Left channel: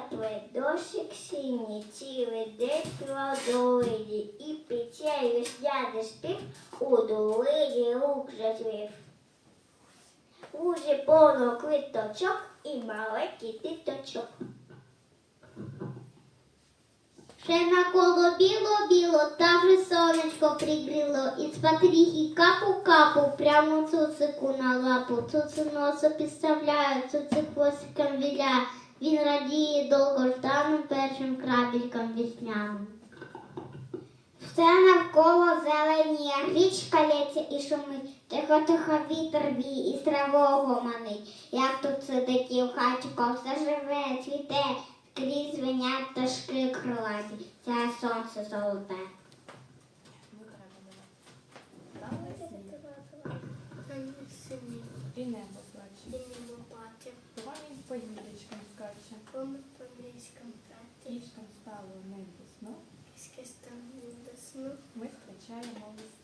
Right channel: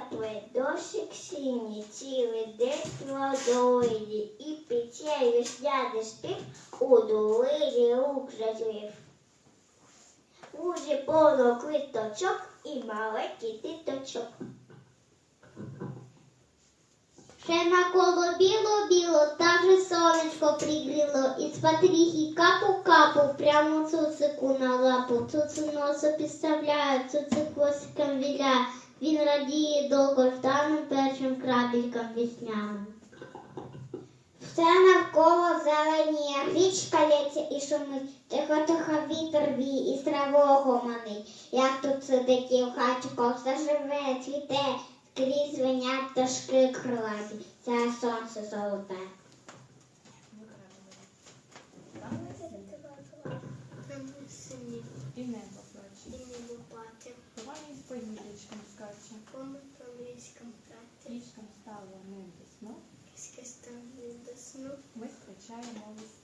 тепле, дощик синій, цілий день в долині, і пече весняний спів у долині зазрів. Лужі повно квіточок і маленький діточок. Ще навколо біло-біло, та вже сонечко пригріло, і з патріхи капу-капу, прямо цуцику на лапу. Цуцик носа підставляє, цуцик хвостиком віляє. Він радіє довгожданим першим крабельком весняним. Все навколо зеленіє, річка лється і шумить, тихо-тихо вітер віє і з травого манить. Як тут сидить і в хаті все живе, цвіте, скрізь звенять пташки крилаті, сяє сонце золоте. І небо плаче. Вогонь по гілячкам скаче. Кішкам стало не до сну. Ми зустрічаємо весну.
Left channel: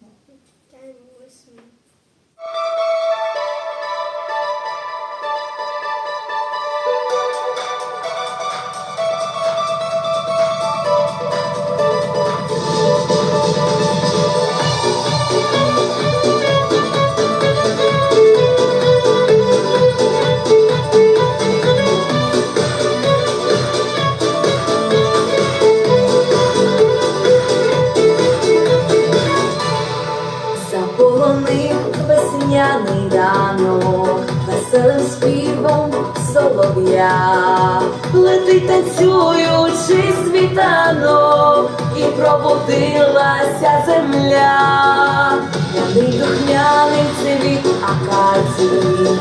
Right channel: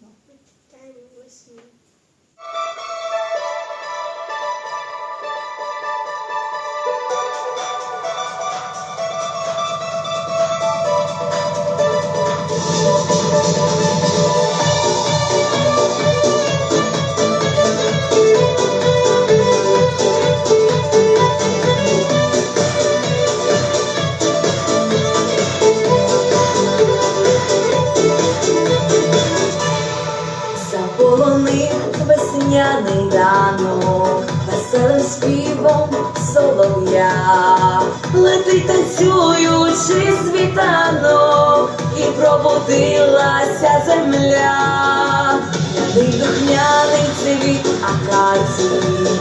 Летить танцюючи світанок, і пробудилася земля, П'яний духняний цвіт акації,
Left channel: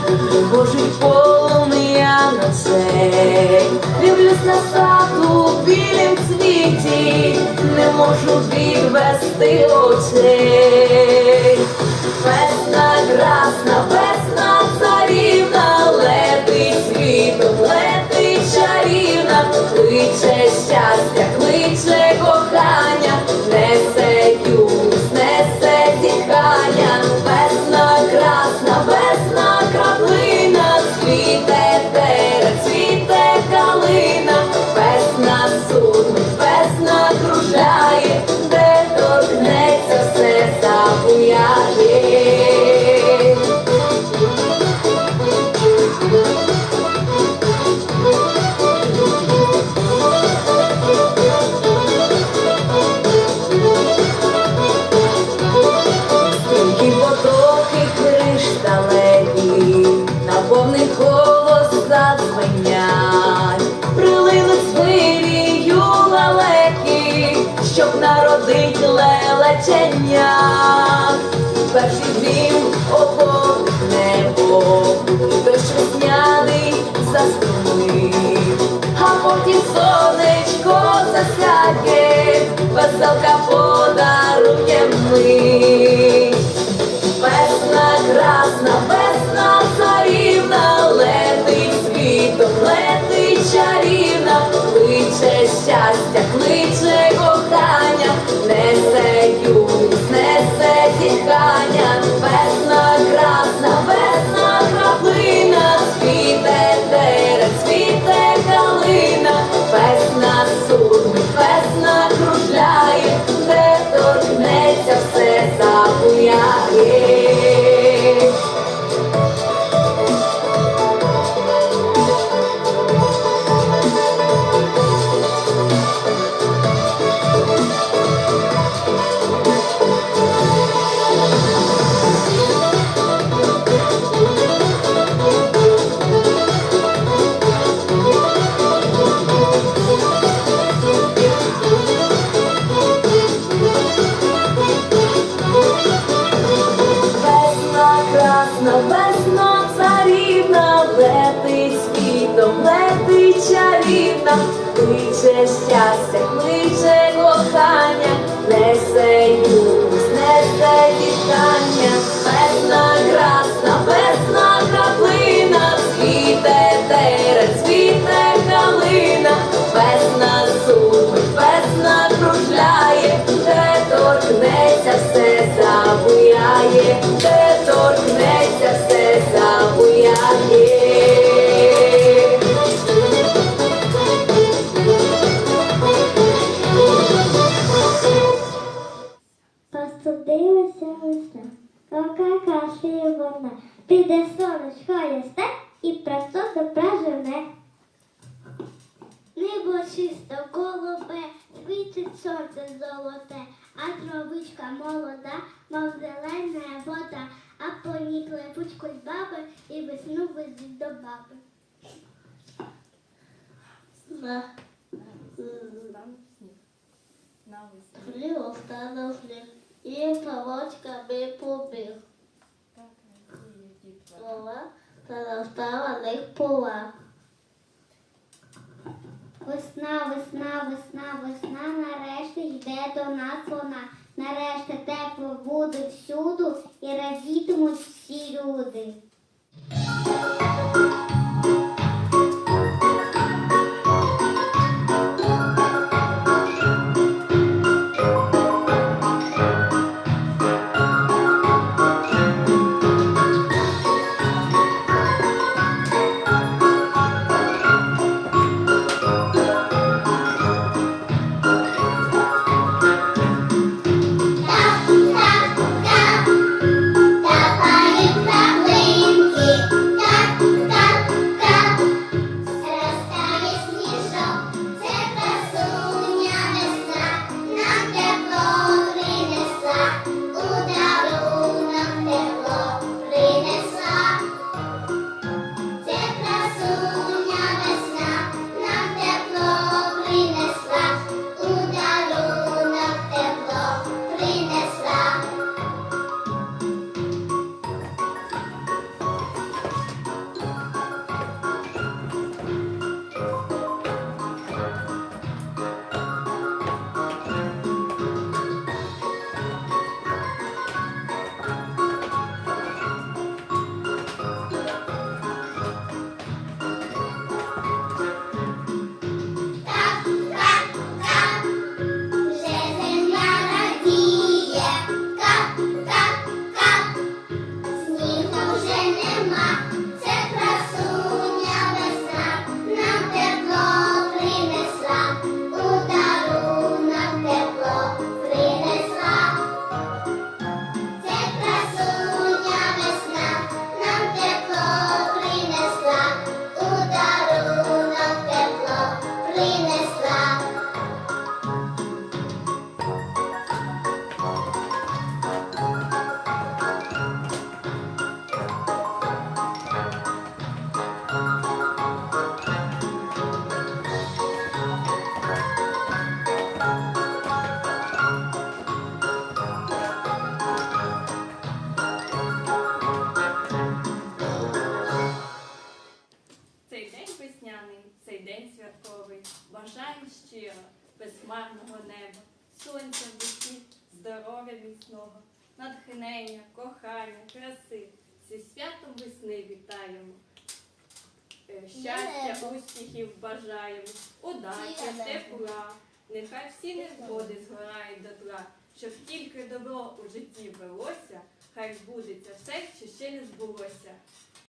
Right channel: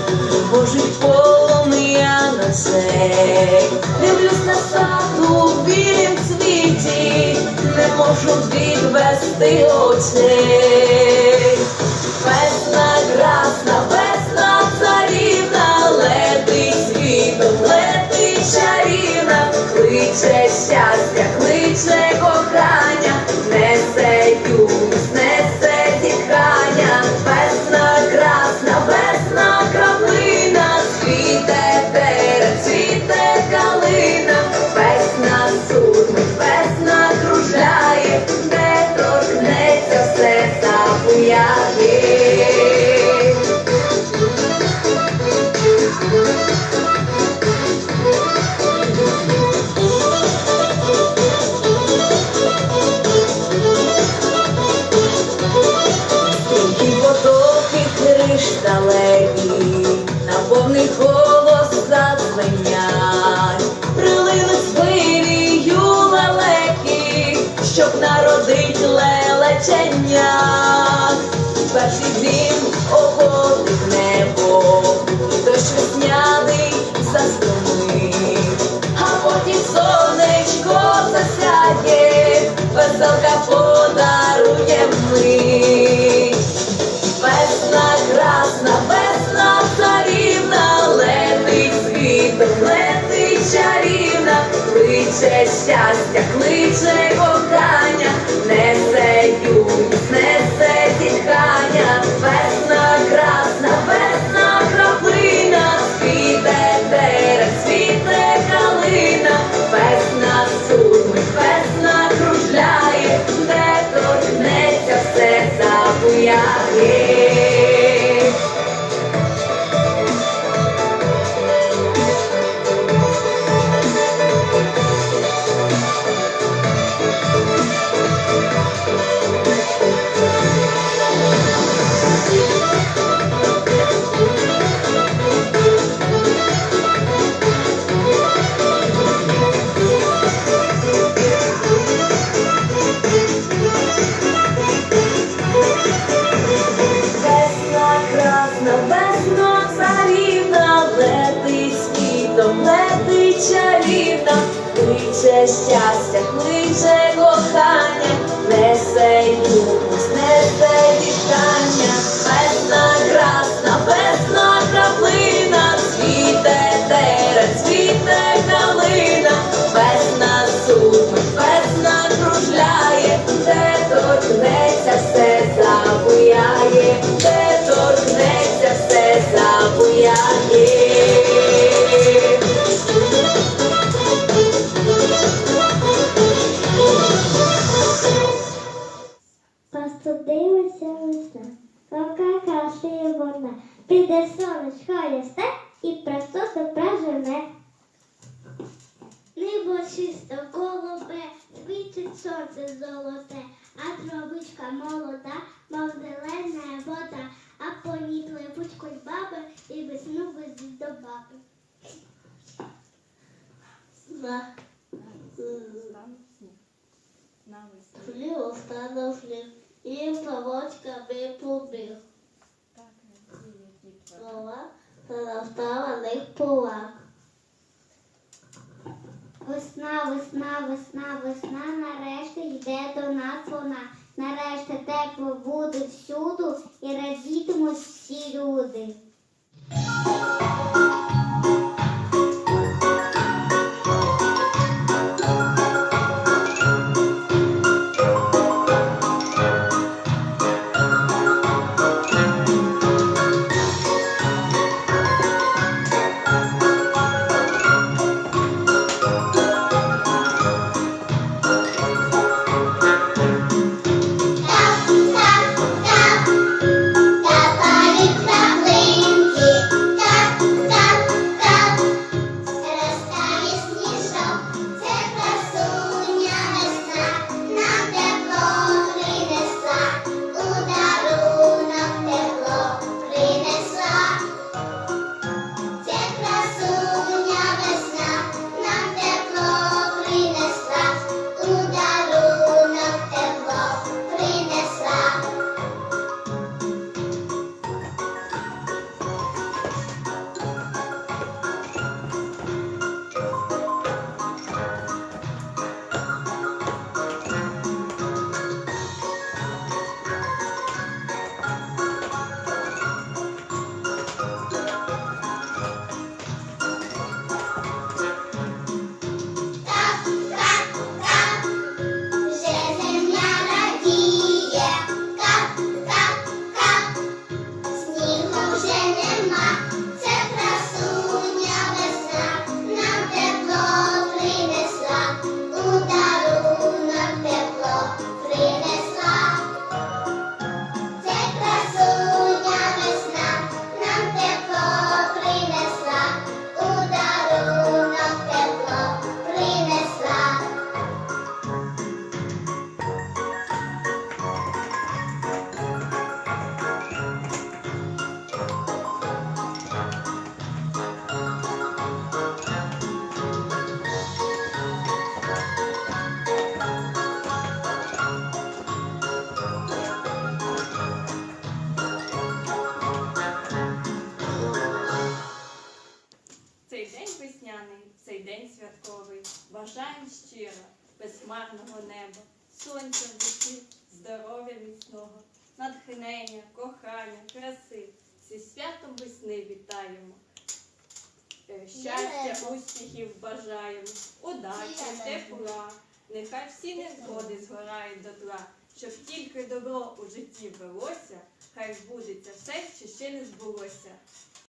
Божить полум'я ночей, дивлюсь на сад у білім цвіті, не можу відвести очей. Щоб народить лелечення. Перший дім охопить небо, і дощ весняний застромить, а потім сонечко засяє, веселка подарує мить. Щастя, кличе кохання, несе юність, несе вітання, весна красна, весна краплина, світе терен, світе калина, весна сумить, весна кружляє, де торкнеться все забуяє, де торкнеться все забуяє. Чисто голубе, світить сонце золоте, а травичка молода, мов зелена вода, а по ній пливуть кульбаби і весну везуть до баби. Хліб станув хліб, і павочками побіг. Так радіє та настала них пола. Весна, весна, весна, весна, нарешті йде до нас вона. Нарешті тепло буде всюду і радітимуть Бажаємо щиро, безхмарного неба, сонця в душі, здоров'я міцного, натхнення, кохання, краси. Зі святом весни вітаємо. Е, Щастя, успіхів бажаємо, удачі, тепла. Нехай всі незгоди згорають дотла, щоб тільки добро у житті велося, хай збудеться все, що ще не збулося.